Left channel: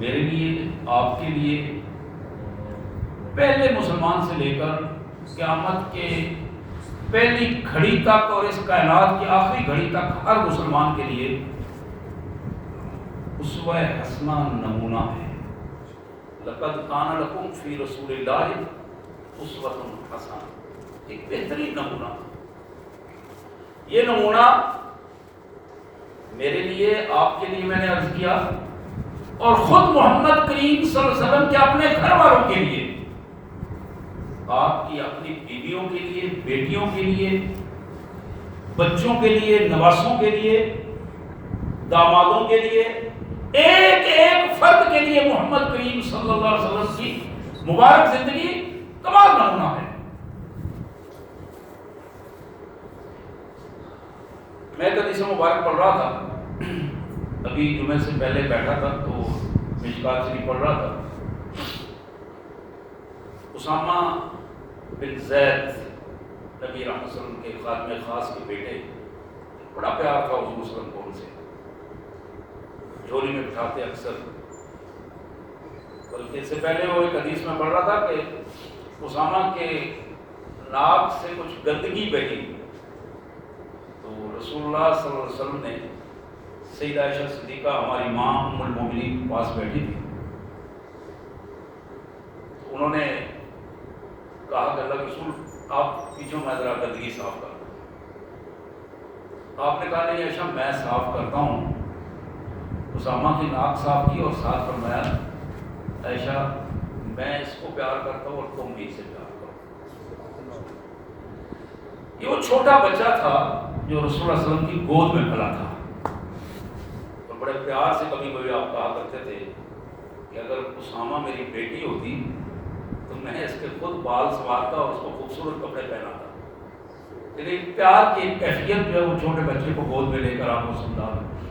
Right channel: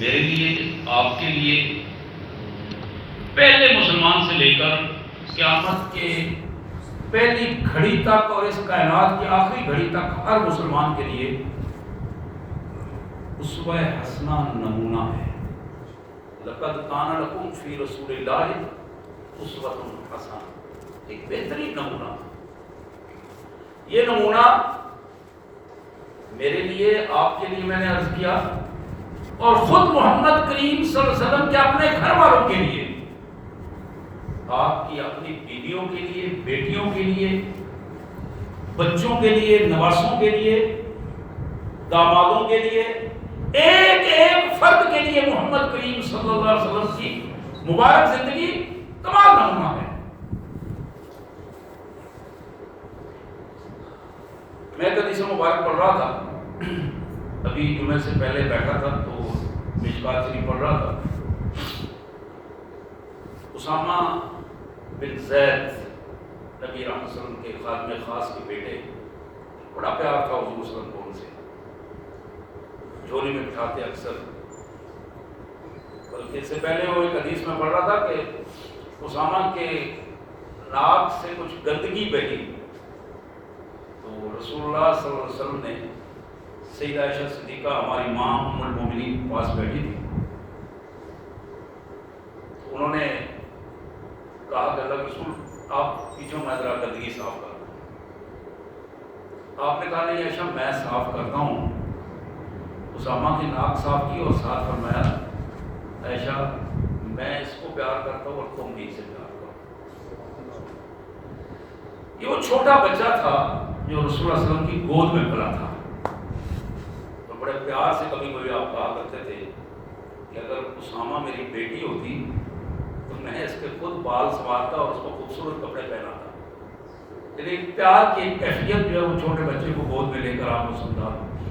میرے لیے، آپ کے لیے، پہلے مسلمان سے لے کر قیامت کے پہلی گھڑی تک اور اس کائنات کی آخری گھڑی تک ہر مسلمان کے لیے اسوہ حسنہ نمونہ ہے۔ لقد کان لکم فی رسول اللہ اسوۃ حسنہ، ایک بہترین نمونہ۔ یہ نمونہ میرے لیے، آپ کے لیے میں نے عرض کیا، اور خود محمد کریم صلی اللہ علیہ وسلم کے اپنے گھر والوں کے لیے، آپ کی اپنی بیویوں کے لیے، بیٹیوں کے لیے، بچوں کے لیے، نواسوں کے لیے، دامادوں کے لیے، ایک ایک فرد کے لیے محمد کریم صلی اللہ علیہ وسلم کی مبارک زندگی کمال نمونہ ہے۔ میں حدیث مبارک پڑھ رہا تھا، ابھی جمعے سے پہلے بیٹھا تھا تو مشکات شریف پڑھ رہا تھا۔ اسامہ بن زید نبی رحمت صلی اللہ علیہ وسلم کے خادم خاص کے بیٹے، بڑا پیار تھا حضور صلی اللہ علیہ وسلم کو ان سے، جھولی میں بٹھاتے اکثر۔ بلکہ اس سے پہلے وہ ایک حدیث میں پڑھ رہا تھا کہ اسامہ کے ناک سے کچھ گندگی بہی، تو رسول اللہ صلی اللہ علیہ وسلم نے سیدہ عائشہ صدیقہ ہماری ماں ام المومنین کے پاس بیٹھی تھی، انہوں نے کہا کہ اللہ کے رسول آپ پیچھوں میں ذرا گندگی صاف کر دوں۔ آپ نے کہا نہیں عائشہ میں صاف کرتا ہوں۔ اسامہ کی ناک صاف کی اور ساتھ فرمایا عائشہ میں اس کو پیار کرتا ہوں اور تم بھی اسے پیار کرو۔ یہ وہ چھوٹا بچہ تھا جو رسول اللہ صلی اللہ علیہ وسلم کی گود میں پلا تھا، اور بڑے پیار سے کبھی کبھی آپ کہا کرتے تھے کہ اگر اسامہ میری بیٹی ہوتی تو میں اس کے خود بال سنوارتا اور اس کو خوبصورت کپڑے پہناتا۔ لیکن پیار کی کیفیت جو ہے وہ چھوٹے بچے کو گود میں لے کر آپ کو سمجھا۔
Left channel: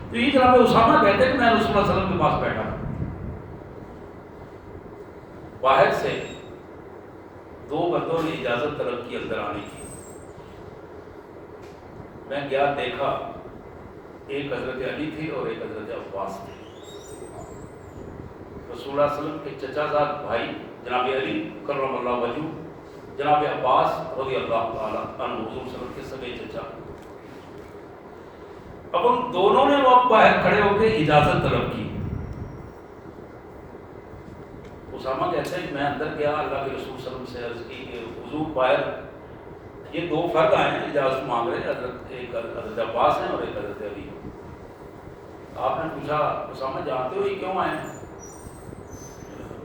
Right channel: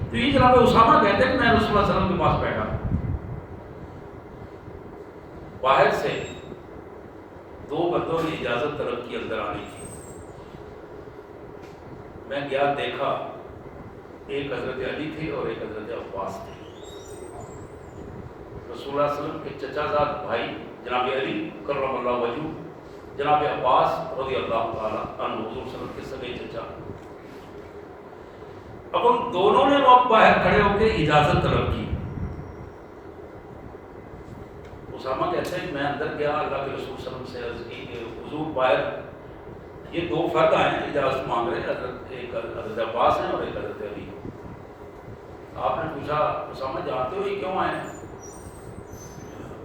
تو یہ جناب اسامہ کہتے ہیں کہ میں رسول اللہ صلی اللہ علیہ وسلم کے پاس بیٹھا، باہر سے دو بندوں نے اجازت طلب کی اندر آنے کی۔ میں گیا، دیکھا ایک حضرت علی تھی اور ایک حضرت عباس تھی۔ رسول اللہ صلی اللہ علیہ وسلم کے چچا زاد بھائی جناب علی کرم اللہ وجہہ، جناب عباس رضی اللہ تعالیٰ عنہ حضور صلی اللہ علیہ وسلم کے سگے چچا۔ اب ان دونوں نے وقت باہر کھڑے ہو کے اجازت طلب کی۔ اسامہ کہتے ہیں کہ میں اندر گیا، اللہ کے رسول صلی اللہ علیہ وسلم سے عرض کی کہ حضور باہر یہ دو فرد آئے ہیں اجازت مانگ رہے ہیں، ایک حضرت عباس ہیں اور ایک حضرت علی۔ آپ نے پوچھا اسامہ جانتے ہو یہ کیوں آئے ہیں؟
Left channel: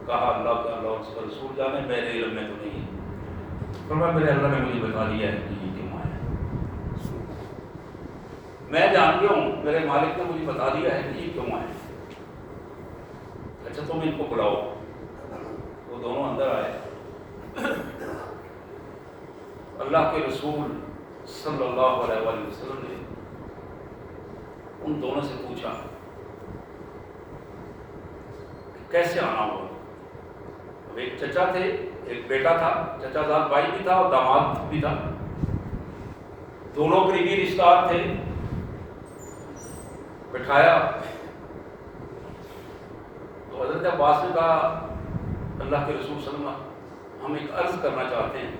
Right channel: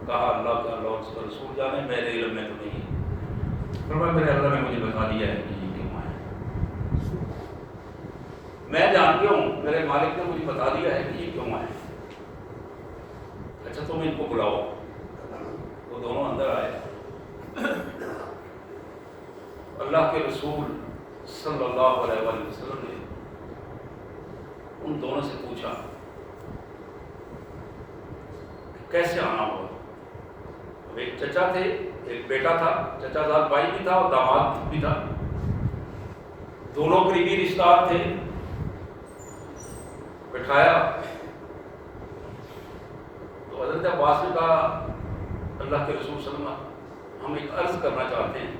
کہا اللہ کا اللہ اس کا رسول جانے، میرے علم میں تو نہیں ہے۔ فرمایا میرے اللہ نے مجھے بتا دیا ہے کہ یہ کیوں آئے ہیں، میں جانتی ہوں، میرے مالک نے مجھے بتا دیا ہے کہ یہ کیوں آئے ہیں۔ اچھا تم ان کو بلاؤ۔ وہ دونوں اندر آئے، اللہ کے رسول صلی اللہ علیہ وآلہ وسلم نے ان دونوں سے پوچھا کہ کیسے آنا ہوا۔ ایک چچا تھے، ایک بیٹا تھا، چچا زاد بھائی بھی تھا اور داماد بھی تھا، دونوں قریبی رشتہ دار تھے۔ بٹھایا تو حضرت عباس نے کہا اللہ کے رسول صلی اللہ علیہ وسلم ہم ایک عرض کرنا چاہتے ہیں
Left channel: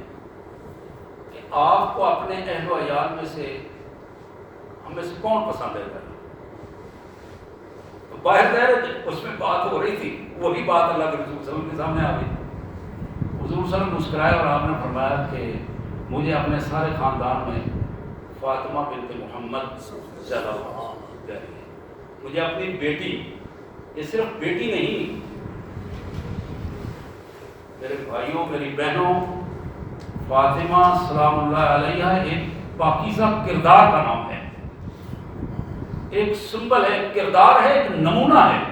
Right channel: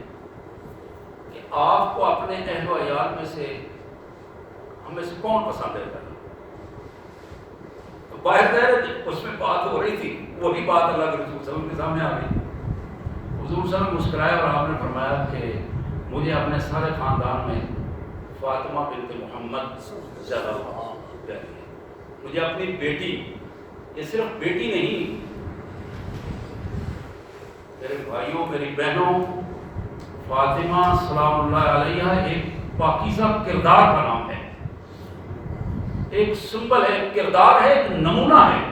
کہ آپ کو اپنے اہل و عیال میں سے ہم میں سے کون پسند ہے؟ تو باہر ظاہر اس میں بات ہو رہی تھی، وہی بات اللہ کے رسول صلی اللہ علیہ وسلم کے سامنے آ گئی۔ حضور صلی اللہ علیہ وسلم مسکرائے اور آپ نے فرمایا کہ مجھے اپنے سارے خاندان میں فاطمہ بنت محمد زیادہ پیاری ہے۔ مجھے اپنی بیٹی، یہ صرف بیٹی نہیں، میرے بھائیوں میری بہنوں، فاطمہ سلام اللہ علیہ ایک پاکیزہ کردار کا نام ہے، ایک سمبل ہے، کردار ہے، ایک نمونہ ہے۔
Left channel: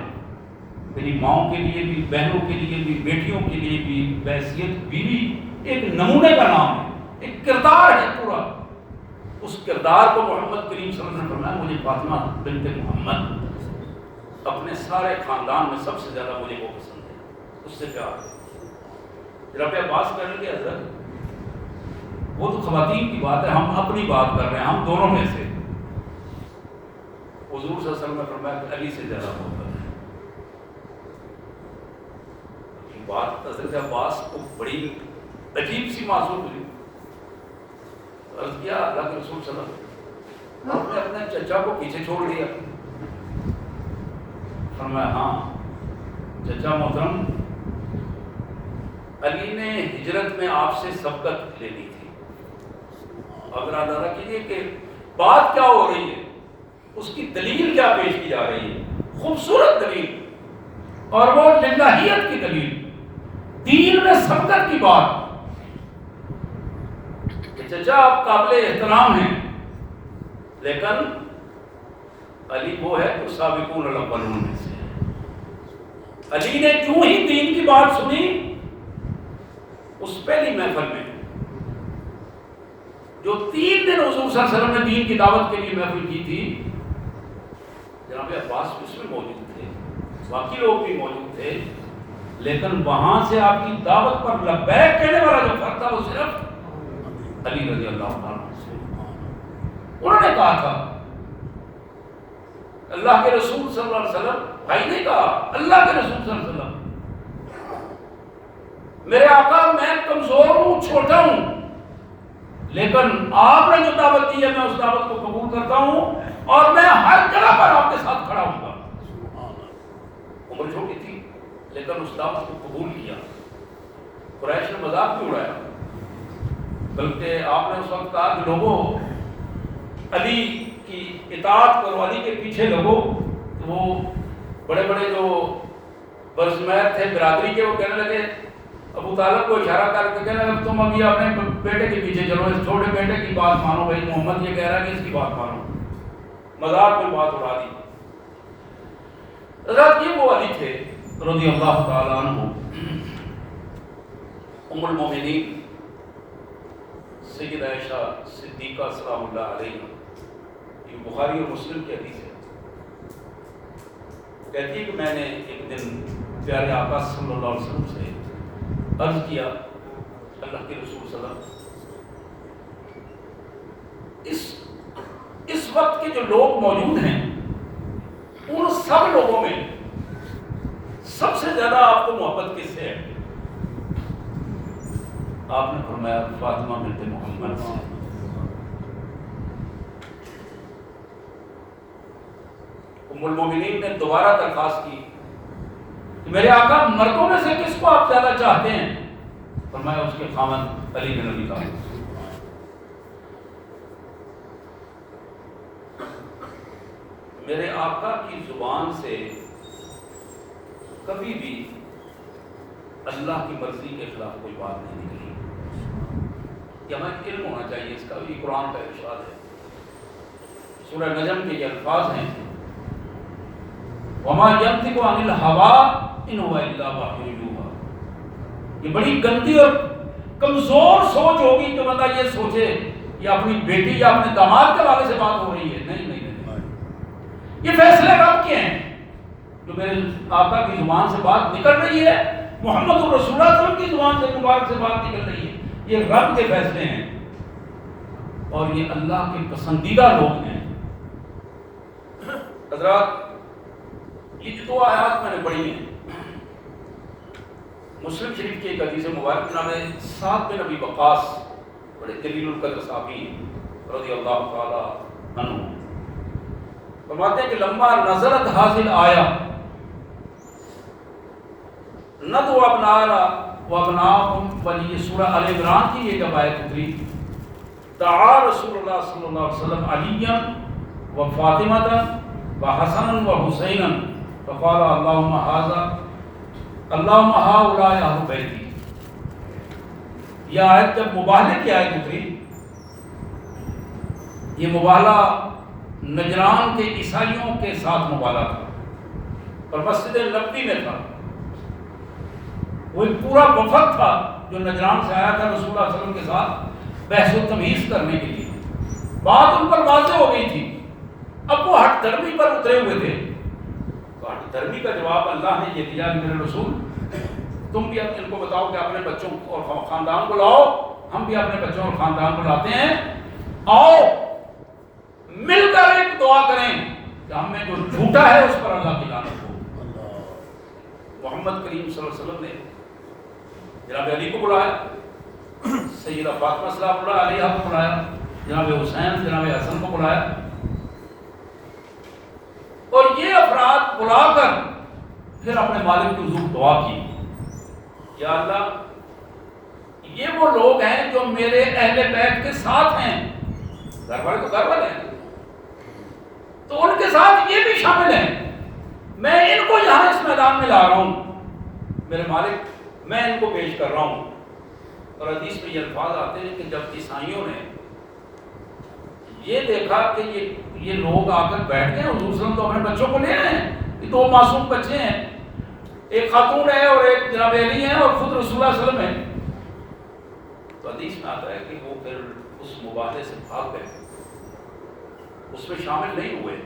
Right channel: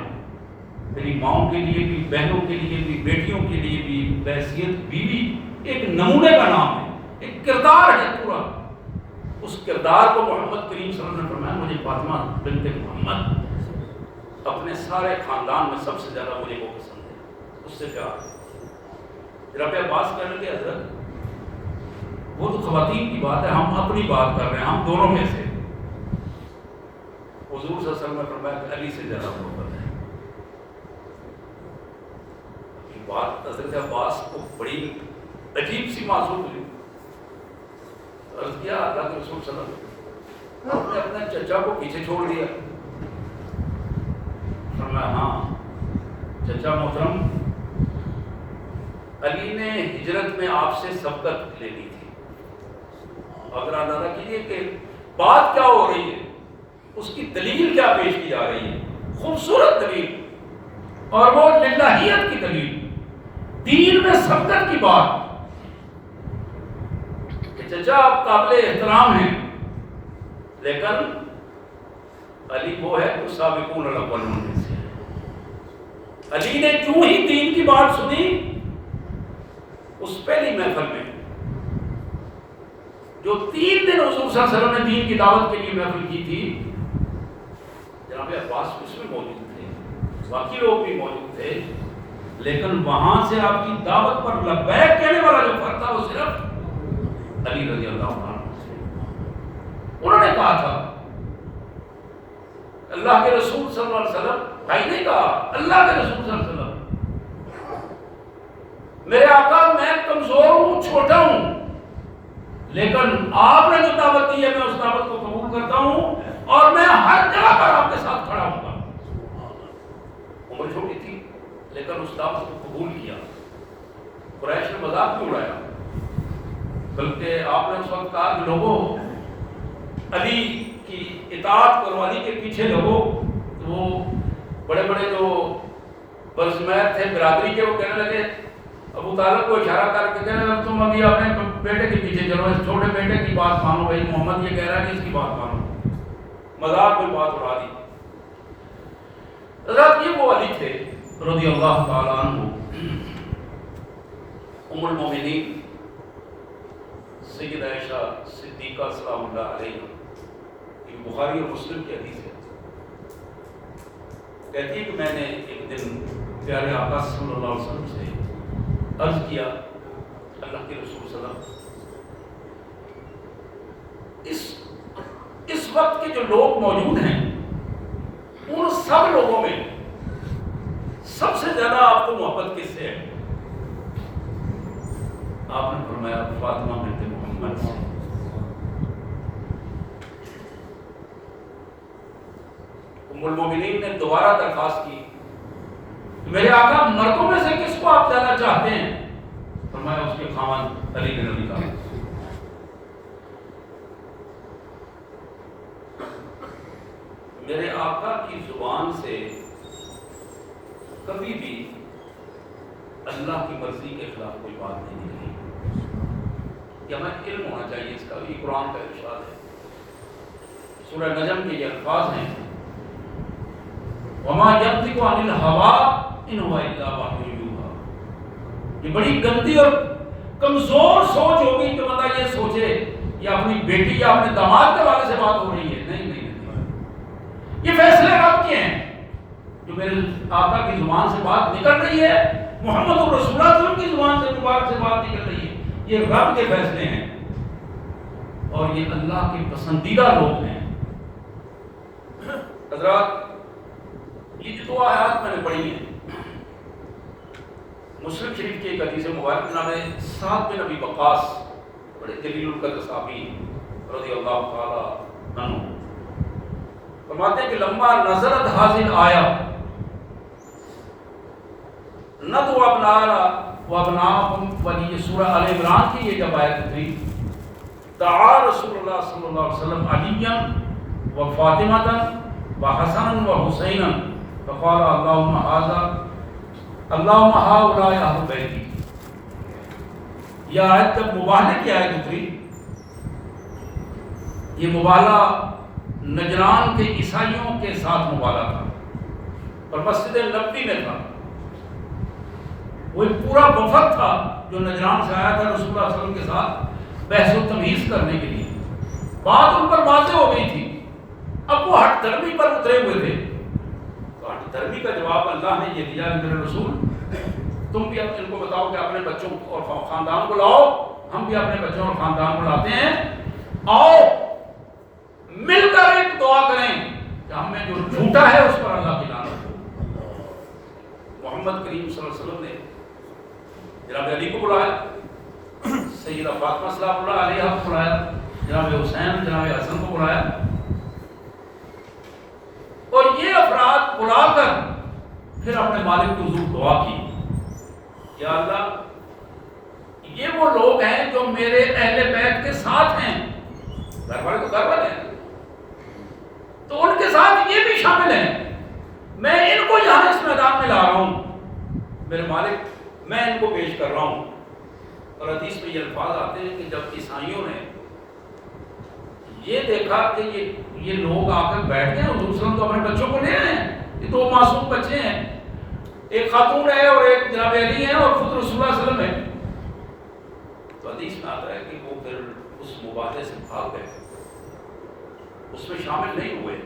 میری ماؤں کے لیے بھی، بہنوں کے لیے بھی، بیٹیوں کے لیے بھی، بحیثیت بیوی ایک نمونے کا نام ہے، ایک کردار ہے پورا۔ اس کردار کو محمد کریم صلی اللہ علیہ وسلم نے فرمایا مجھے فاطمہ بنت محمد اپنے سارے خاندان میں سب سے زیادہ مجھے وہ پسند ہے، اس سے پیار ہے۔ جناب عباس کہنے لگے حضرت وہ تو خواتین کی بات ہے، ہم اپنی بات کر رہے ہیں، ہم دونوں میں سے۔ حضور صلی اللہ علیہ وسلم نے فرمایا کہ علی سے زیادہ محبت ہے۔ بات حضرت عباس کو بڑی عجیب سی معصوم ہوئی. عرض کیا اللہ کے رسول صلی اللہ علیہ وسلم آپ نے اپنے چچا کو پیچھے چھوڑ دیا؟ فرمایا ہاں چچا محترم علی نے ہجرت میں آپ سے سبقت لے لی تھی. اگر اندازہ کیجیے کہ بات کیا ہو رہی ہے, اس کی دلیل کیا پیش کی جا رہی ہے, خوبصورت دلیل, اور وہ للہیت کی دلیل, دین میں سبقت کی بات کہ چچا آپ قابل احترام ہیں, لیکن علی وہ ہے جو سابقون الاولون میں سے ہے. علی نے جو ہی دین کی بات سنی اس پہلی محفل میں جو 3 دن حضور صلی اللہ علیہ وسلم نے دین کی دعوت کے لیے محفل کی تھی, جناب عباس اس میں موجود تھے, باقی لوگ بھی موجود تھے, لیکن وہاں سے آپ کی دعوت پر لبیک کہنے والا جو فرد تھا وہ صرف علی رضی اللہ عنہ سے. انہوں نے کہا تھا اللہ کے رسول صلی اللہ علیہ وسلم, بھائی نہیں کہا, اللہ کے رسول صلی اللہ علیہ وسلم, میرے آقا میں کمزور ہوں, چھوٹا ہوں, لیکن آپ نے جو دعوت دی ہے میں اس دعوت کو قبول کرتا ہوں اور میں ہر جگہ پر آپ کے ساتھ کھڑا ہوں گا. عمر چھوٹی تھی لیکن اس دعوت کو قبول کیا. قریش نے مذاق کیوں اڑایا, بلکہ آپ نے اس وقت کہا کہ لوگوں علی کی اطاعت کرو, علی کے پیچھے لگو. وہ بڑے بڑے جو برزمیر تھے برادری کے, وہ کہنے لگے, ابو طالب کو اشارہ کر کے کہنے لگے تم ابھی اپنے بیٹے کے پیچھے چلو, اس چھوٹے بیٹے کی بات مانو, بھائی محمد یہ کہہ رہا ہے کہ اس کی بات مانو. مذاق کوئی بات اڑا دی. حضرات یہ وہ علی تھے رضی اللہ تعالی عنہ, ام المومنین سیدہ عائشہ صدیقہ سلام اللہ علیہ, یہ بخاری اور مسلم کی حدیث ہے, کہتی ہے کہ میں نے ایک دن پیارے آقا صلی اللہ علیہ وسلم سے عرض کیا, اللہ کے رسول صلی اللہ علیہ وسلم اس وقت کے جو لوگ موجود ہیں ان سب لوگوں میں سب سے زیادہ آپ کو محبت کس سے ہے؟ آپ نے فرمایا فاطمہ بنت محمد سے. ام المومنین نے دوبارہ درخواست کی کہ میرے آقا مردوں میں سے کس کو آپ زیادہ چاہتے ہیں؟ فرمایا اس کے خاوند علی بن ابی طالب. میرے آقا کی زبان سے کبھی بھی اللہ کی مرضی کے خلاف کوئی بات نہیں نکلی. یہ ہمیں علم ہونا چاہیے اس کا, یہ قرآن کا ارشاد ہے. سورہ نجم کے یہ الفاظ ہیں, وما ينطق عن الهوى ان هو الا وحی یوحی. یہ بڑی گندی اور کمزور سوچ ہوگی کہ بندہ یہ سوچے یا اپنی بیٹی یا اپنے داماد کے والے سے بات ہو رہی ہے. نہیں نہیں نہیں, یہ فیصلے رب کے ہیں. جو میرے آقا کی زبان سے بات نکل رہی ہے, محمد رسول اللہ صلی اللہ علیہ وسلم کی زبان سے مبارک سے بات نکل رہی ہے, یہ رب کے فیصلے ہیں اور یہ اللہ کے پسندیدہ لوگ ہیں. حضرات یہ جو 2 آیات میں نے پڑھی ہیں, مسلم شریف کی ایک حدیث مبارک نام ہے سعد بن ابی وقاص, بڑے جلیل القدر صحابی رضی اللہ تعالی عنہ, فرماتے ہیں کہ لما نزلت حاصل آیا ندو ابنانا و ابناکم ولی, سورہ آل عمران کی یہ جب آیت اتری, دعا رسول اللہ صلی اللہ علیہ وسلم علیاً و فاطمةً و حسناً و حسیناً فقال اللہم ہؤلاء اہل بیتی. یہ آیت جب مباہلے کی آیت اتری, یہ مباہلہ نجران کے عیسائیوں کے ساتھ مباہلہ تھا اور مسجد نبوی میں تھا. وہ ایک پورا وفد تھا جو نجران سے آیا تھا رسول اللہ صلی اللہ علیہ وسلم کے ساتھ بحث و تمیز کرنے کے لیے. بات ان پر واضح ہو گئی تھی, اب وہ ہٹ دھرمی پر اترے ہوئے تھے. تو ہٹ دھرمی کا جواب اللہ نے یہ دیا, میرے رسول تم بھی ان کو بتاؤ کہ اپنے بچوں اور خاندان کو لاؤ, ہم بھی اپنے بچوں اور خاندان کو لاتے ہیں, آؤ مل کر ایک دعا کریں کہ ہم میں جو جھوٹا ہے اس پر اللہ کی لعنت ہو. محمد کریم صلی اللہ علیہ وسلم نے جناب علی کو بلایا، سیدہ فاطمہ سلام اللہ علیہ کو بلایا، جناب حسین جناب حسن کو بلایا، اور یہ افراد بلا کر پھر اپنے مالک کے حضور دعا کی، یا اللہ یہ وہ لوگ ہیں جو میرے اہل بیت کے ساتھ ہیں، گھر والے تو گھر والے ہیں، تو ان کے ساتھ یہ بھی شامل ہیں، میں ان کو یہاں اس میدان میں لا رہا ہوں، میرے مالک میں ان کو پیش کر رہا ہوں۔ اور حدیث میں یہ الفاظ آتے ہیں کہ جب عیسائیوں نے یہ دیکھا کہ یہ لوگ آ کر بیٹھ گئے، حضور صلی اللہ علیہ وسلم تو اپنے بچوں کو لے آئے ہیں، یہ دو معصوم بچے ہیں، ایک خاتون ہے اور ایک جناب علی ہیں اور خود رسول اللہ صلی اللہ علیہ وسلم ہے، تو حدیث میں آتا ہے کہ وہ پھر اس مباحثے سے بھاگ گئے، اس میں شامل نہیں ہوئے۔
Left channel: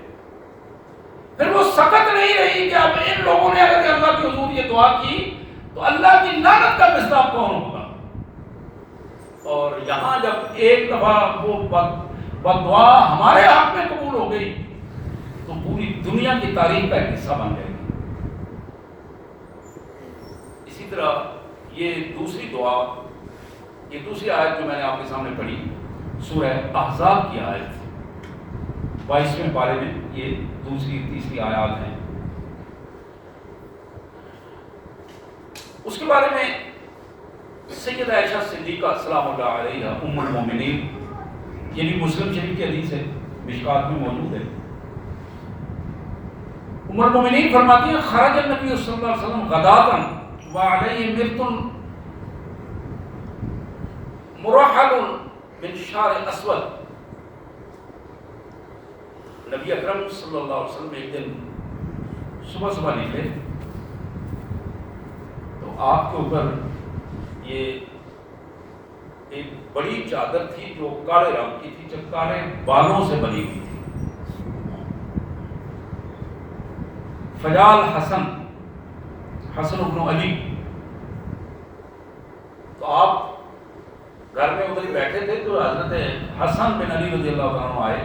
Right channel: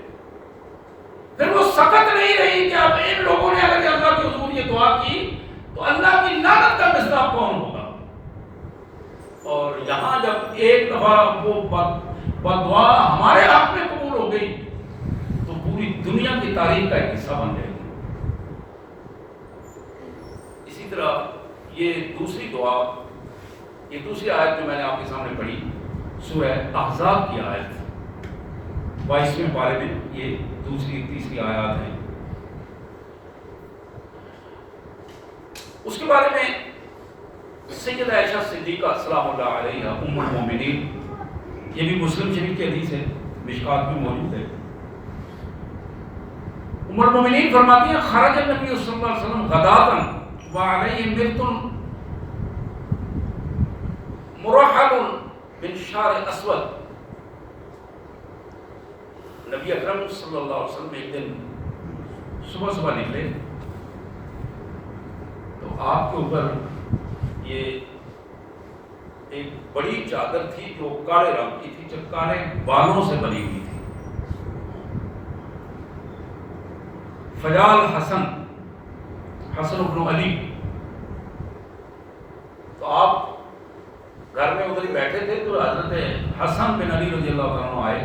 پھر وہ سکت نہیں رہی کہ اب ان لوگوں نے اگر اللہ کے حضور یہ دعا کی تو اللہ کی لعنت کا مصداق کون ہوگا؟ اور یہاں جب ایک دفعہ وہ بددعا ہمارے حق میں قبول ہو گئی تو پوری دنیا کی تاریخ کا ایک حصہ بن جائے گی۔ اسی طرح یہ دوسری دعا، یہ دوسری آیت جو میں نے آپ کے سامنے پڑھی سورہ احزاب کی آیت 22ویں پارے میں، یہ دوسری تیسری آیات ہیں، اس کے بارے میں سیدہ عائشہ صدیقہ سلام اللہ علیہا ام المومنین، یہ بھی مسلم شریف کی حدیث ہے، مشکات میں موجود ہے، ام المومنین فرماتی ہیں خرج النبی صلی اللہ علیہ وسلم غداۃ وعلیہ مرط مرحل من شعر اسود، نبی اکرم صلی اللہ علیہ وسلم ایک دن صبح صبح نکلے تو آپ کے اوپر یہ ایک بڑی چادر تھی جو کالے رنگ کی تھی، جو کالے بالوں سے بنی ہوئی تھی، فجال حسن ابن علی، تو آپ گھر میں ادھر ہی بیٹھے تھے تو حضرت حسن بن علی رضی اللہ عنہ آئے،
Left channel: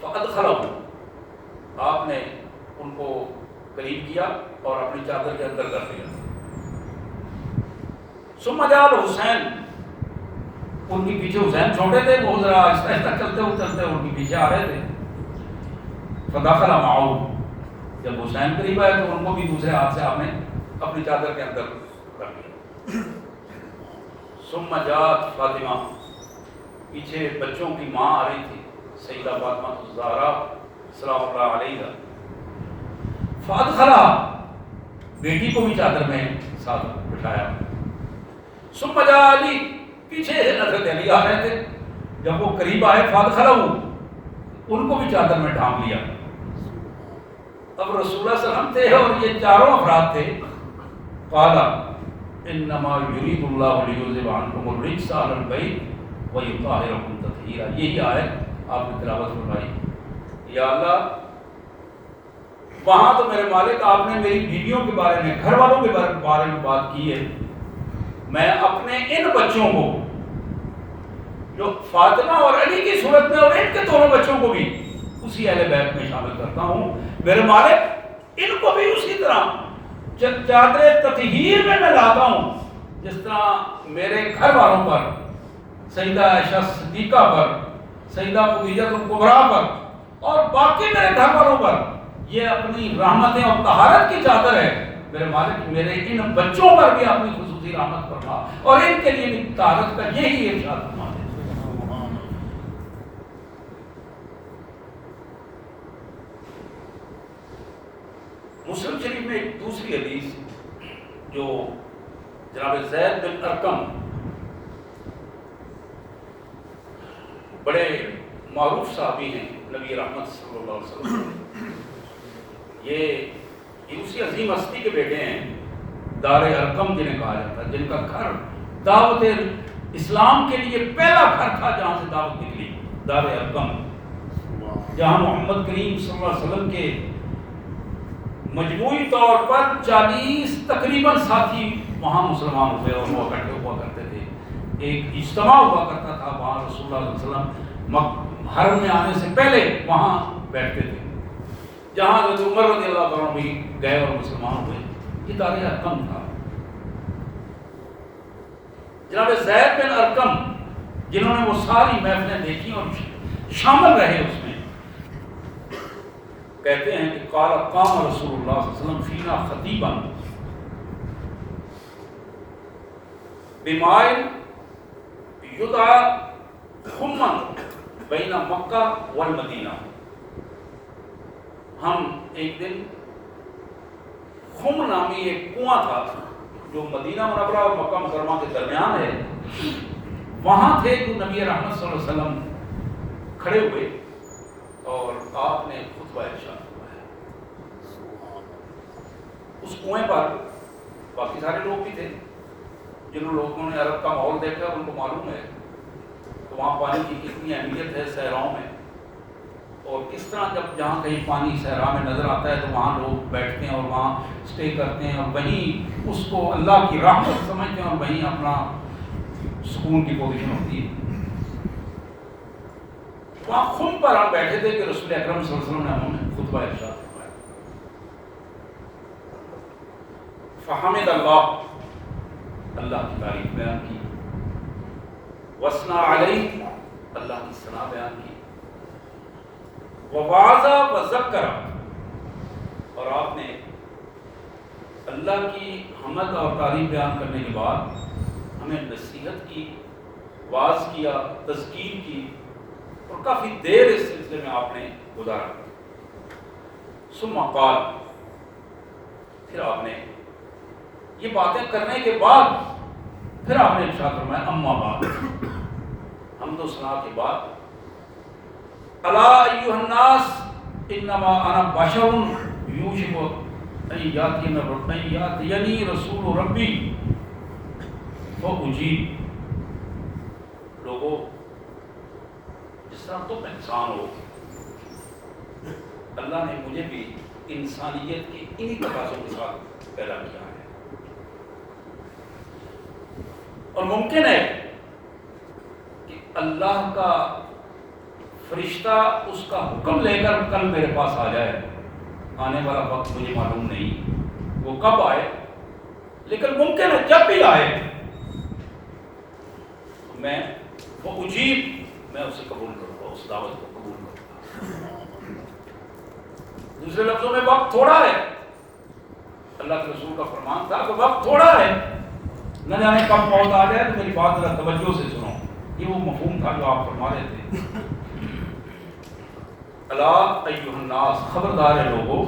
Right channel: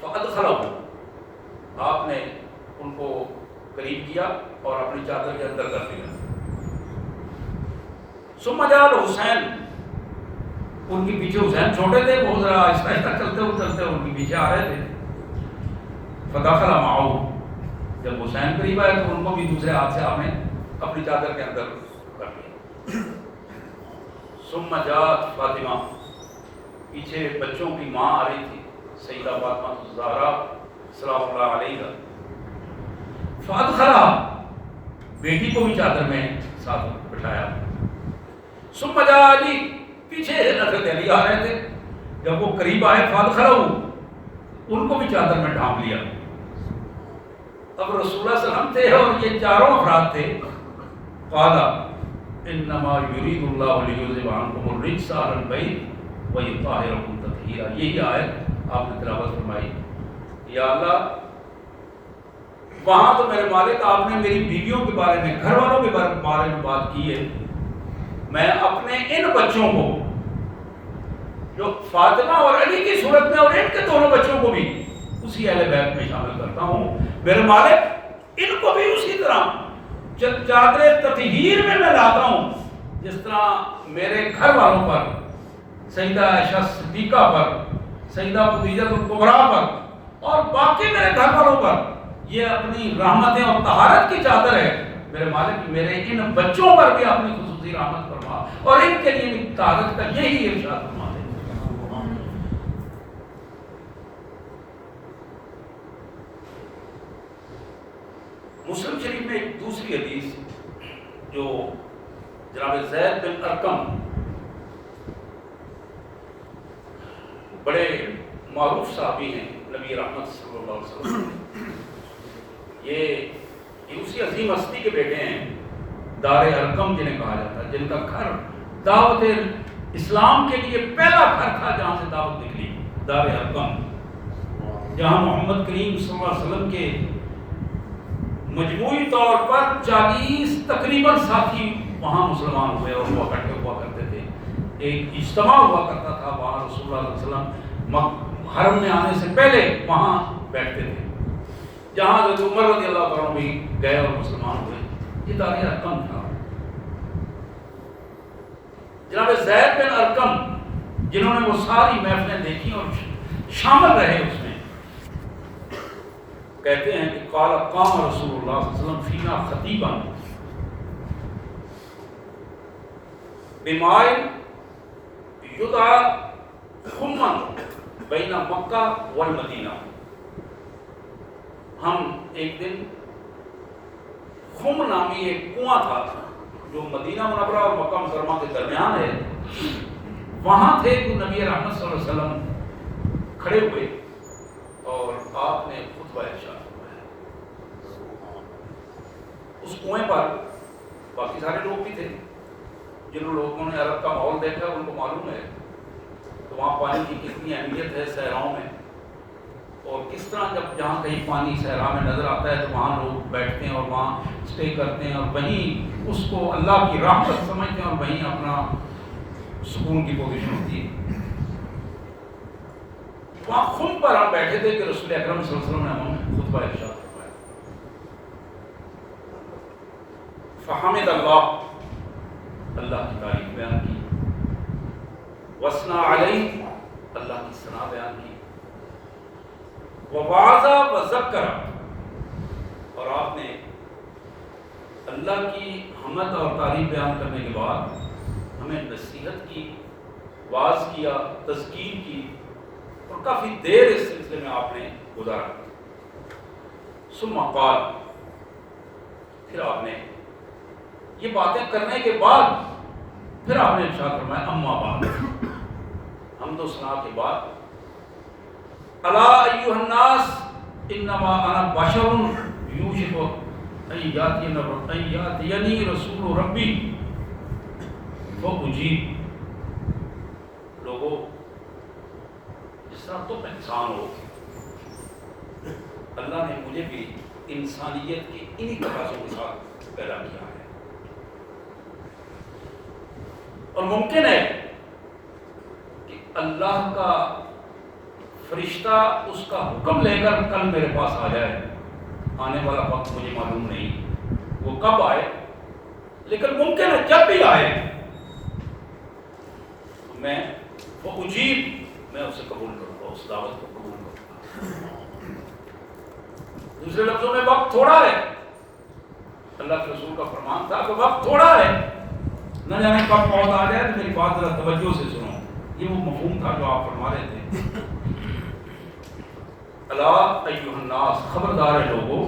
فادخلہ، آپ نے ان کو قریب کیا اور اپنی چادر کے اندر کر لیا، ثم جاء حسین، ان کے پیچھے حسین چھوٹے تھے، وہ ذرا آہستہ آہستہ چلتے ان کے پیچھے آ رہے تھے، فدخل معه، جب حسین قریب آئے تو ان کو بھی دوسرے ہاتھ سے آپ نے اپنی چادر کے اندر کر لیا، ثم جاءت فاطمہ، پیچھے بچوں کی ماں آ رہی تھی سیدہ فاطمہ الزہرا سلام اللہ علیہا، فادخلہ، بیٹی کو بھی چادر میں ساتھ بٹھایا، ثم جاء علی، پیچھے حضرت علی آ رہے تھے، جب وہ قریب آئے فادخلہ، ان کو بھی چادر میں ڈھانپ لیا، اب رسول اللہ صلی اللہ علیہ وسلم تھے اور یہ چاروں افراد تھے، قال انما یرید اللہ لیذھب عنکم الرجس اہل البیت ویطہرکم تطہیرا، یہی آیت آپ نے تلاوت فرمائی، یا اللہ وہاں تو میرے مالک آپ نے میری بیویوں کے بارے میں، گھر والوں کے بارے میں بات کی ہے، میں اپنے ان بچوں کو جو فاطمہ اور علی کی صورت میں اور ان کے دونوں بچوں کو بھی اسی اہل بیت میں شامل کرتا ہوں، میرے مالک ان کو بھی اسی طرح چادر تطہیر میں لاتا ہوں، جس طرح میرے گھر والوں پر، سیدہ عائشہ صدیقہ پر، سیدہ خدیجہ الکبریٰ پر اور باقی میرے گھر والوں پر یہ اپنی رحمتیں اور طہارت کی چادر ہے، میرے مالک میرے ان بچوں پر بھی اپنی خصوصی رحمت فرما اور ان کے لیے بھی طہارت کا یہی ارشاد فرما دے۔ مسلم شریف میں ایک دوسری حدیث جو جناب زید بن ارقم، بڑے معروف صحابی ہیں نبی رحمت صلی اللہ علیہ وسلم، یہ اسی عظیم ہستی کے بیٹے ہیں، دار ارقم جنہیں کہا جاتا ہے، جن کا گھر دعوت اسلام کے لیے پہلا گھر تھا جہاں سے دعوت نکلی، دار ارقم، جہاں محمد کریم صلی اللہ علیہ وسلم کے مجموعی طور پر 40 تقریباً ساتھی وہاں مسلمان ہوئے اور وہ اکٹھے ہوا کرتے تھے، ایک اجتماع ہوا کرتا تھا وہاں، رسول اللہ علیہ وسلم حرم میں آنے سے پہلے وہاں بیٹھتے تھے، جہاں حضرت عمر رضی اللہ عنہ بھی گئے اور مسلمان ہوئے، یہ دار ارقم تھا۔ جناب زید بن ارقم جنہوں نے وہ ساری محفلیں دیکھی اور شامل رہے اس میں، کہتے ہیں کہ قال قام رسول اللہ صلی اللہ علیہ وسلم فینا خطیبا بمائن یدعا خمن بین مکہ والمدینہ۔ ہم ایک دن خم نامی ایک کنواں تھا جو مدینہ منورہ اور مکہ مکرمہ کے درمیان ہے، وہاں تھے کہ نبی رحمت صلی اللہ علیہ وسلم کھڑے ہوئے اور آپ نے خطبہ ارشاد فرمایا۔ اس کنویں پر باقی سارے لوگ بھی تھے، جن لوگوں نے عرب کا ماحول دیکھا ان کو معلوم ہے کہ وہاں پانی کی کتنی اہمیت ہے صحراؤں میں، اور کس طرح جب جہاں کہیں پانی صحرا میں نظر آتا ہے تو وہاں لوگ بیٹھتے ہیں اور وہاں اسٹے کرتے ہیں اور وہیں اس کو اللہ کی رحمت سمجھتے ہیں اور وہیں اپنا سکون کی پوزیشن ہوتی ہے۔ وہاں خم پر ہم بیٹھے تھے کہ رسول اکرم صلی اللہ علیہ وسلم نے ہمیں خطبہ ارشاد فرمایا۔ فحمد اللہ، اللہ کی تعریف بیان کی، وثنا علیہ، اللہ کی ثنا بیان کی، ووعظ وذکر، اور آپ نے اللہ کی حمد اور تعریف بیان کرنے کے بعد ہمیں نصیحت کی، واعظ کیا، تذکیر کی، اور کافی دیر اس سلسلے میں آپ نے گزارا۔ ثم قال، پھر آپ نے یہ باتیں کرنے کے بعد پھر آپ نے ارشاد فرمایا اما بعد، حمد و ثنا کے بعد، الا ایھا الناس انما انا بشر یوشک ان یاتینی رسول ربی فاجیب۔ لوگوں، جس طرح تم انسان ہو، اللہ نے مجھے بھی انسانیت کی انہی تقاضوں کے ساتھ پیدا کیا ہے، اور ممکن ہے کہ اللہ کا فرشتہ اس کا حکم لے کر کل میرے پاس آ جائے، آنے والا وقت مجھے معلوم نہیں وہ کب آئے، لیکن ممکن ہے جب بھی آئے میں وہ اجیب، میں اسے قبول کروں گا، اس دعوت کو قبول کروں گا۔ دوسرے لفظوں میں وقت تھوڑا ہے، اللہ کے رسول کا فرمان تھا کہ وقت تھوڑا ہے، نہ جانے کب موت آ جائے، تو میری بات ذرا توجہ سے سنو۔ یہ وہ مفہوم تھا جو آپ فرما رہے تھے۔ الا ایھا الناس، خبردار ہے لوگوں،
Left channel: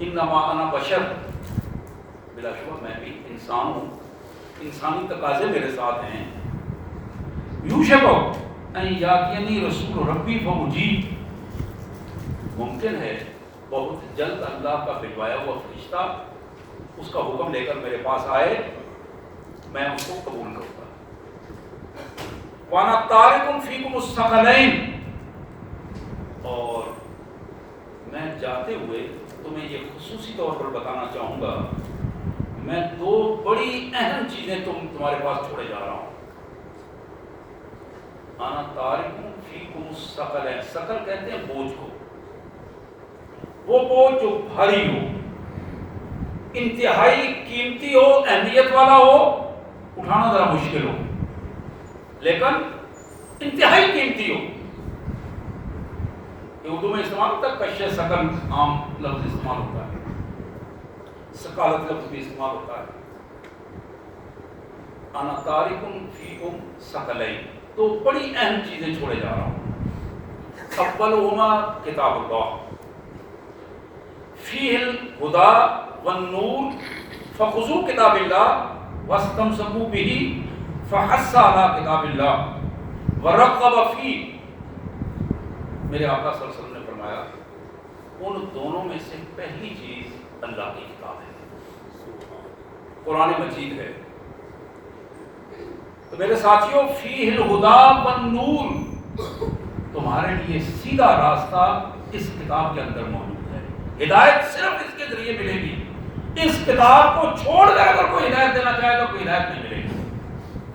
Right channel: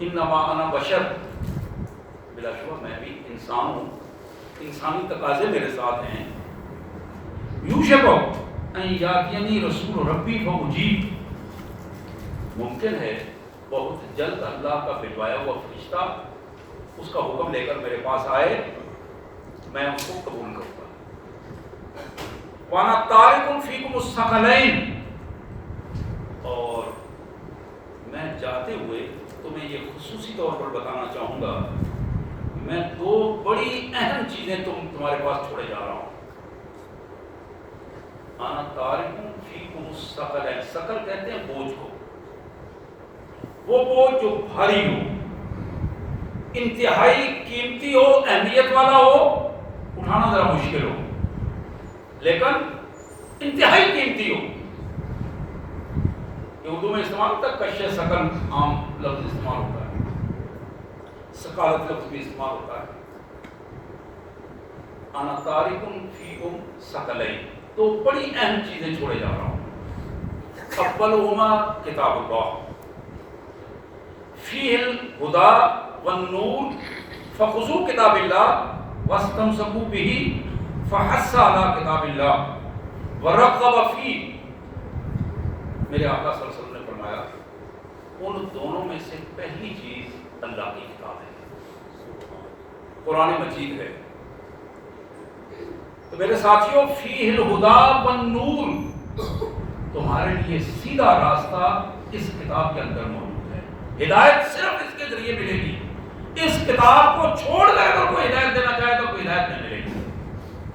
انما انا بشر، بلا شبہ میں بھی انسان ہوں، انسانی تقاضے میرے ساتھ ہیں۔ یوشک ان یاتینی رسول ربی فاجیب، ممکن ہے بہت جلد اللہ کا بھجوایا ہوا فرشتہ اس کا حکم لے کر میرے پاس آئے، میں اس کو قبول کروں گا۔ وانا تارک فیکم الثقلین، اور میں جاتے ہوئے تمہیں یہ خصوصی طور پر بتانا چاہوں گا، میں دو بڑی اہم چیزیں تمہارے پاس چھوڑے جا رہا ہوں۔ انا تارک فیکم الثقلین، ثقل کہتے ہیں بوجھ کو، وہ بوجھ جو بھاری ہو، انتہائی قیمتی ہو، اہمیت والا ہو، اٹھانا ذرا مشکل ہو، لیکن انتہائی قیمتی ہو۔ یہ اردو میں استعمال ہوتا ہے، کش ثقل عام لفظ استعمال ہوتا ہے، ثقالت لفظ بھی استعمال ہوتا ہے۔ انا تارک فیکم ثقلین، تو بڑی اہم چیزیں چھوڑے جا رہا ہوں۔ اولہما کتاب اللہ فیہ الہدی والنور فخذوا کتاب اللہ واستمسکوا بہ فحث علی کتاب اللہ ورغب فیہ۔ میرے آقا صلی اللہ علیہ وسلم نے فرمایا ان دونوں میں سے پہلی چیز اللہ کی کتاب ہے، قرآن مجید ہے۔ تو میرے ساتھیوں، فیہ الہدی والنور، تمہارے لیے سیدھا راستہ اس کتاب کے اندر موجود ہے، ہدایت صرف اس کے ذریعے ملے گی۔ اس کتاب کو چھوڑ کر اگر کوئی ہدایت دینا چاہے تو کوئی ہدایت نہیں ملے گی۔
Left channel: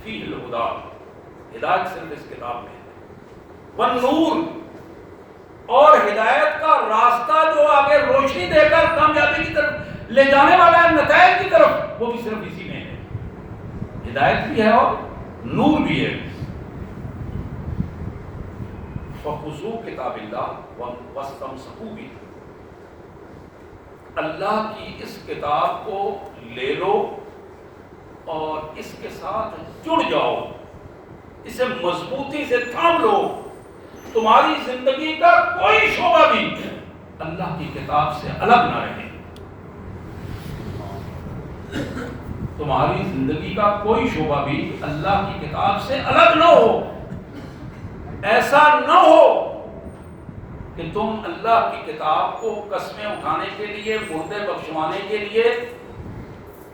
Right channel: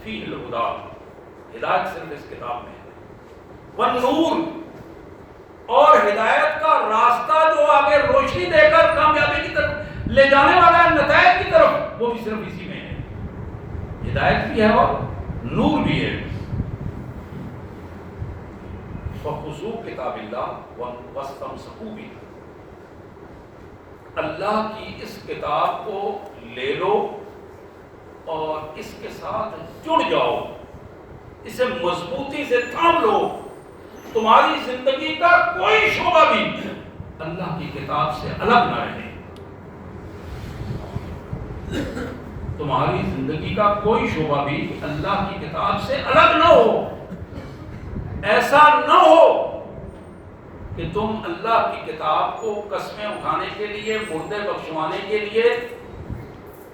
فیہ الہدی، ہدایت صرف اس کتاب میں ہے، والنور، اور ہدایت کا راستہ جو آگے روشن لے جانے والا ہے نتائج کی طرف، وہ بھی صرف اسی میں ہے۔ ہدایت بھی ہے اور نور بھی ہے۔ فخذوا کتاب اللہ واستمسکوا بہ، اللہ کی اس کتاب کو لے لو اور اس کے ساتھ جڑ جاؤ، اسے مضبوطی سے تھام لو۔ تمہاری زندگی کا کوئی شعبہ بھی اللہ کی کتاب سے الگ نہ رہے، تمہاری زندگی کا کوئی شعبہ بھی اللہ کی کتاب سے الگ نہ ہو۔ ایسا نہ ہو کہ تم اللہ کی کتاب کو قسمیں اٹھانے کے لیے، مردے بخشوانے کے لیے،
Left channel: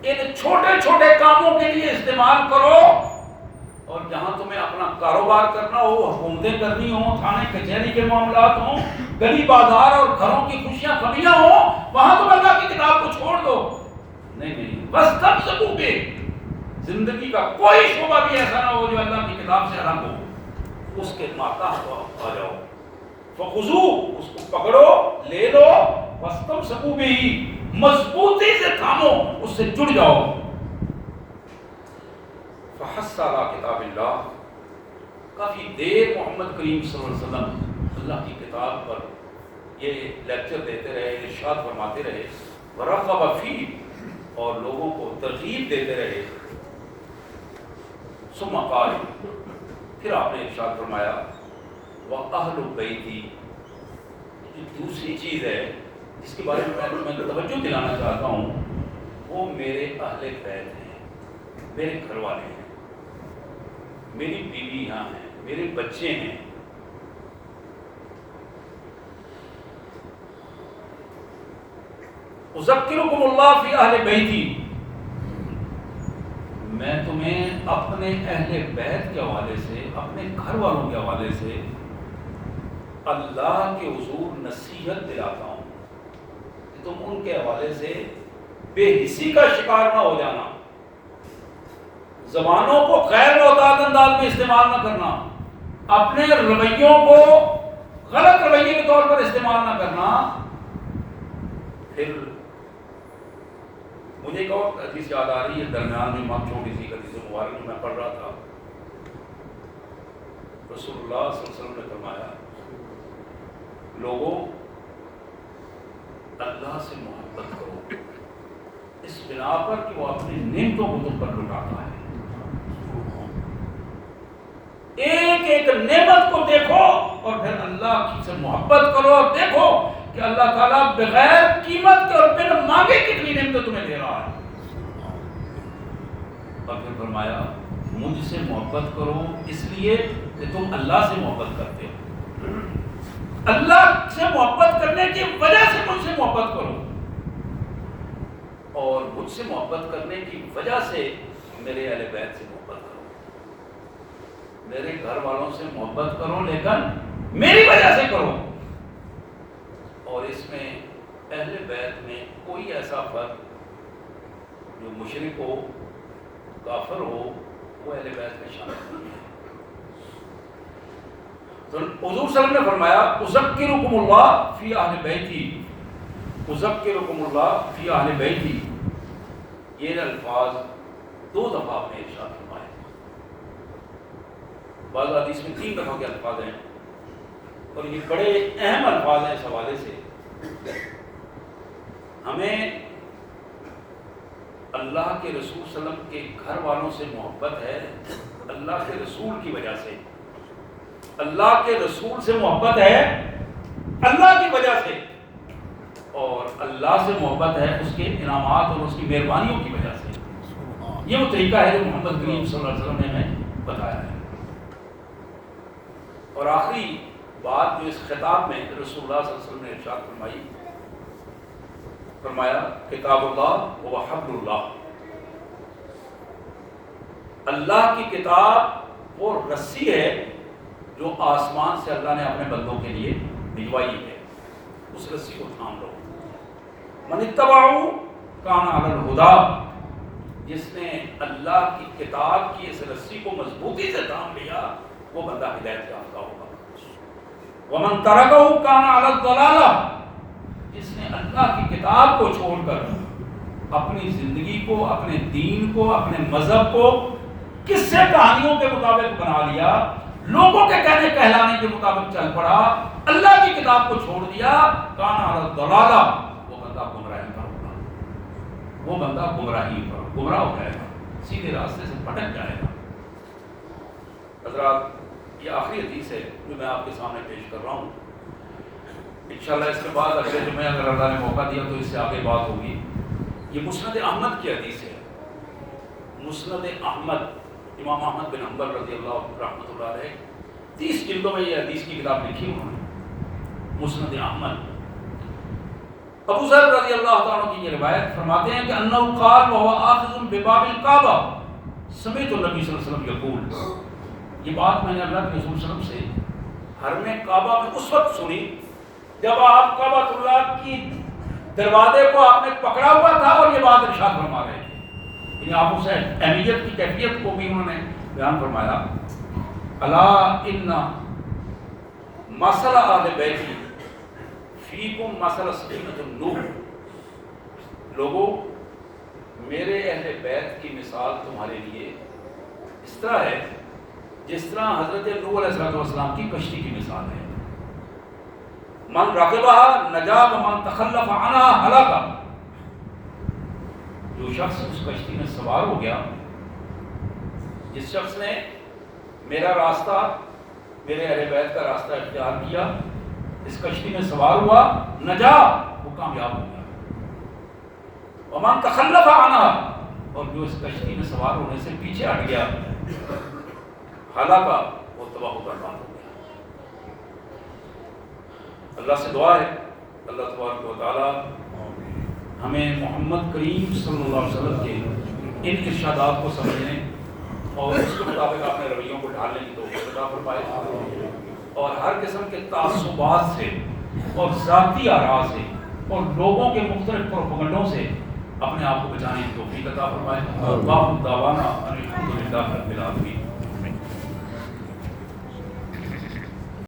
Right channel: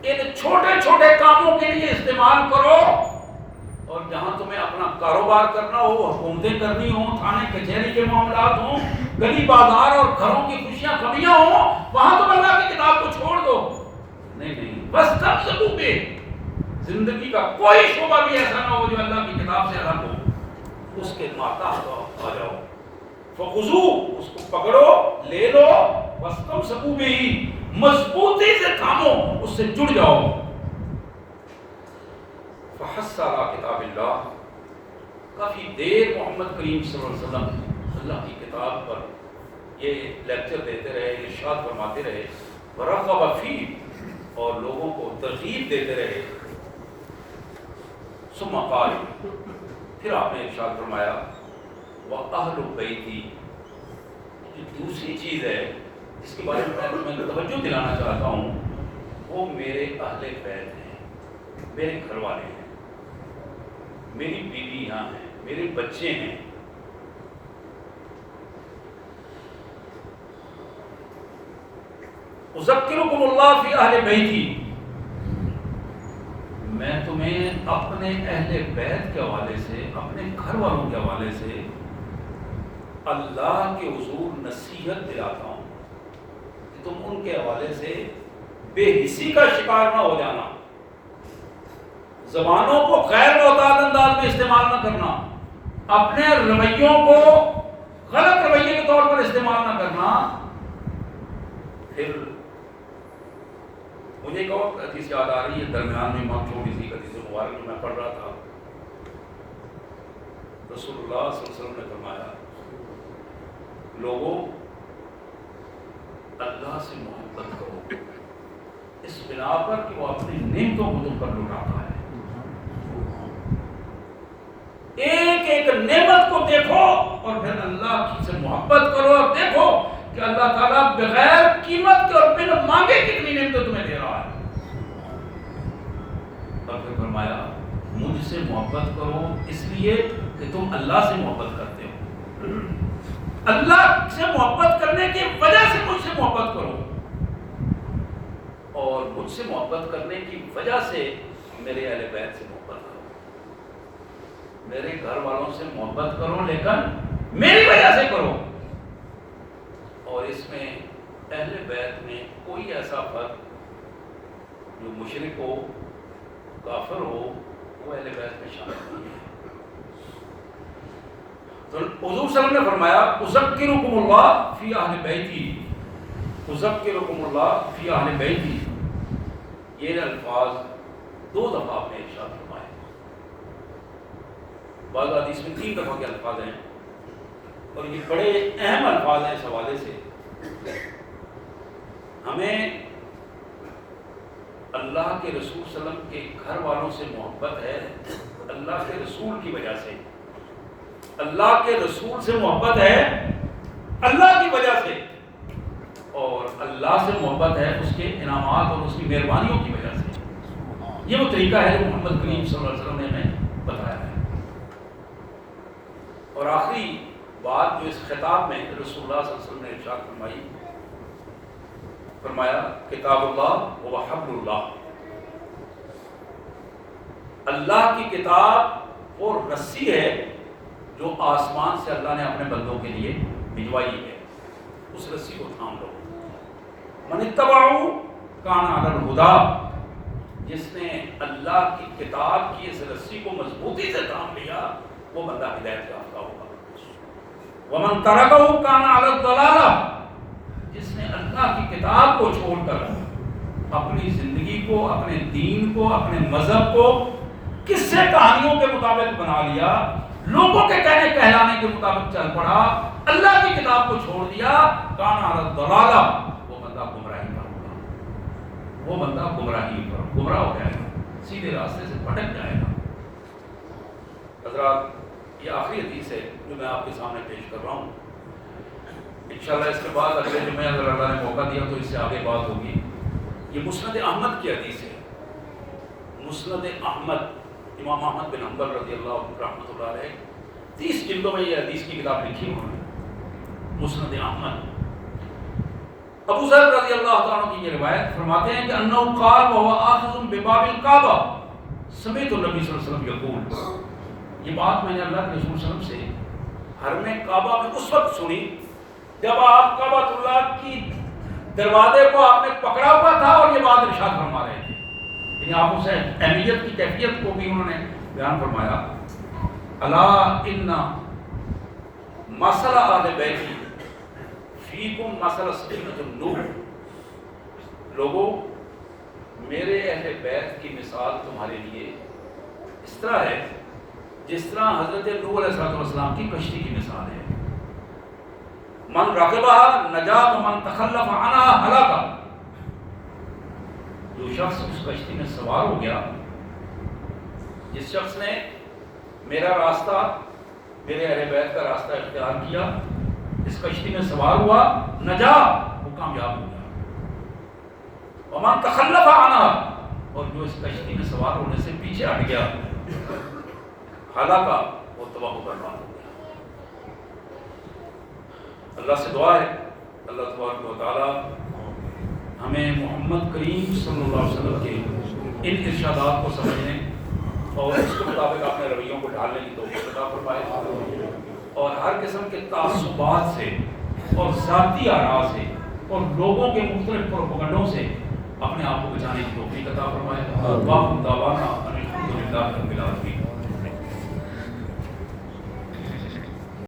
ان چھوٹے چھوٹے کاموں کے لیے استعمال کرو، اور جہاں تمہیں اپنا کاروبار کرنا ہو، حکومتیں کرنی ہوں، تھانے کچہری کے معاملات ہوں، گلی بازار اور گھروں کی خوشیاں غمیاں ہوں، وہاں تم اللہ کی کتاب کو چھوڑ دو۔ نہیں، واستمسکوا بہ، زندگی کا کوئی شعبہ بھی ایسا نہ ہو جو اللہ کی کتاب سے الگ ہو، اس کے ماتحت آ جاؤ۔ فخذوا، اس کو پکڑو، لے لو، واستمسکوا بہ، مضبوطی سے تھامو، اس سے جڑ جاؤ۔ فحث علی کتاب اللہ، کافی دیر محمد کریم صلی اللہ علیہ وسلم اللہ کی کتاب پر یہ لیکچر دیتے رہے، ارشاد فرماتے رہے، ورغب فیہ، اور لوگوں کو ترغیب دیتے رہے۔ ثم قال، پھر آپ نے ارشاد فرمایا، وَأَهْلُ بَيْتِي، یہ دوسری چیز ہے جس کے بارے میں توجہ دلانا چاہتا ہوں، وہ میرے اہل بیت ہیں، میرے گھر والے ہیں، میری بیوی یہاں ہیں، میرے بچے ہیں۔ اذکرکم اللہ فی اہل بیتی، میں تمہیں اپنے اہل بیت کے حوالے سے، اپنے گھر والوں کے حوالے سے اللہ کے حضور نصیحت دلاتا ہوں کہ تم ان کے حوالے سے بے حسی کا شکار نہ ہو جانا، زبانوں کو غیر معتاد انداز میں استعمال نہ کرنا، اپنے رویوں کو غلط رویے کے طور پر استعمال نہ کرنا۔ پھر مجھے ایک اور حدیث یاد آ رہی ہے، درمیان میں امام چھوٹی سی حدیث مبارک جو میں پڑھ رہا تھا، رسول اللہ صلی اللہ علیہ وسلم نے فرمایا، لوگوں اللہ سے محبت کرو، اس بنا پر کہ وہ اپنی نعمتوں کو تم پر لٹاتا ہے۔ ایک ایک نعمت کو دیکھو اور پھر اللہ کی سے محبت کرو، اور دیکھو کہ اللہ تعالیٰ بغیر قیمت کے اور بن مانگے کتنی نعمتیں تمہیں دے رہا ہے۔ اور پھر فرمایا، مجھ سے محبت کرو اس لیے کہ تم اللہ سے محبت کرتے ہو، اللہ سے محبت کرنے کی وجہ سے مجھ سے محبت کرو، اور مجھ سے محبت کرنے کی وجہ سے میرے اہل بیت سے محبت کرو، میرے گھر والوں سے محبت کرو، لیکن میری وجہ سے کرو۔ اور اس میں اہل بیت میں کوئی ایسا فرد جو مشرک ہو، کافر ہو، وہ اہل بیت میں شامل نہیں ہے۔ تو حضور صلی اللہ علیہ وسلم نے فرمایا، اذکرکم اللہ فی اہل بیتی، اذکرکم اللہ فی اہل بیتی، یہ الفاظ دو دفعہ آپ نے ارشاد فرمائے، بعض حدیث میں 3 دفعہ کے الفاظ ہیں، اور یہ بڑے اہم الفاظ ہیں اس حوالے سے۔ ہمیں اللہ کے رسول صلی اللہ علیہ وسلم کے گھر والوں سے محبت ہے اللہ کے رسول کی وجہ سے، اللہ کے رسول سے محبت ہے اللہ کی وجہ سے، اور اللہ سے محبت ہے اس کے انعامات اور اس کی مہربانیوں کی وجہ سے۔ یہ وہ طریقہ ہے جو محمد کریم صلی اللہ علیہ وسلم نے ہمیں بتایا ہے۔ اور آخری بات جو اس خطاب میں رسول اللہ صلی اللہ علیہ وسلم نے ارشاد فرمائی، فرمایا، کتاب اللہ و حبل اللہ، اللہ کی کتاب وہ رسی ہے جو آسمان سے اللہ نے اپنے بندوں کے لیے بھجوائی ہے، اس رسی کو تھام لو۔ من اتبعہ کان علی الہدی، جس نے اللہ کی کتاب کی اس رسی کو مضبوطی سے تھام لیا وہ بندہ ہدایت یافتہ ہوگا۔ ومن ترکہ کان علی الضلالہ، جس نے اللہ کی کتاب کو چھوڑ کر اپنی زندگی کو، اپنے دین کو، اپنے مذہب کو قصے کہانیوں کے مطابق بنا لیا، لوگوں کے کہنے کہلانے کے مطابق چل پڑا، اللہ کی کتاب کو چھوڑ دیا، کان علی الضلالہ، وہ بندہ گمراہی پر ہوگا، وہ بندہ گمراہی پر گمراہ ہو جائے گا، سیدھے راستے سے بھٹک جائے گا۔ حضرات، یہ آخری حدیث ہے جو میں آپ کے سامنے پیش کر رہا ہوں۔ انشاءاللہ اس کے بعد اگلے جمعے اگر اللہ نے موقع دیا تو اس سے آگے بات ہوگی۔ یہ مسند احمد کی حدیث ہے۔ مسند احمد، امام احمد بن حنبل رضی اللہ رحمۃ اللہ علیہ، 30 جلدوں میں یہ حدیث کی کتاب لکھی انہوں نے، مسند احمد۔ ابو ذر رضی اللہ تعالیٰ کی یہ روایت فرماتے ہیں کہ انہ قال وهو آخذ بباب الکعبہ سمعت النبی صلی اللہ علیہ وسلم یقول، یہ بات میں نے اللہ کے رسول صلی اللہ علیہ وسلم سے حرم کعبہ میں اس وقت سنی جب آپ کعبۃ اللہ کی دروازے کو آپ نے پکڑا ہوا تھا اور یہ بات ارشاد فرما رہے تھے، یعنی آپ اسے اہمیت کی کیفیت کو بھی انہوں نے بیان فرمایا۔ الا ان مثل اہل بیتی فیکم مثل سفینۃ النوح، لوگوں میرے اہل بیت کی مثال تمہارے لیے اس طرح ہے جس طرح حضرت نوح علیہ السلام کی کشتی کی مثال ہے۔ من رکبها نجا ومن تخلف عنها ہلاک، جو شخص اس کشتی میں سوار ہو گیا، جس شخص نے میرا راستہ، میرے اہل بیت کا راستہ اختیار کیا، اس کشتی میں سوار ہوا، نجا، وہ کامیاب ہو گیا۔ ومن تخلف عنها، اور جو اس کشتی میں سوار ہونے سے پیچھے ہٹ گیا، ہلاک، وہ تباہ و برباد ہو گیا۔ اللہ سے دعا ہے اللہ تبارک و تعالی ہمیں محمد کریم صلی اللہ علیہ وسلم کے ان ارشادات کو سمجھنے اور اس کے مطابق اپنے رویوں کو ڈھالنے کی توفیق عطا فرمائے، اور ہر قسم کے تعصبات سے اور ذاتی آراء سے اور لوگوں کے مختلف پروپیگنڈوں سے اپنے آپ کو بچانے کی توفیق عطا فرمائے۔ باقی دعوانا الحمدللہ رب العالمین۔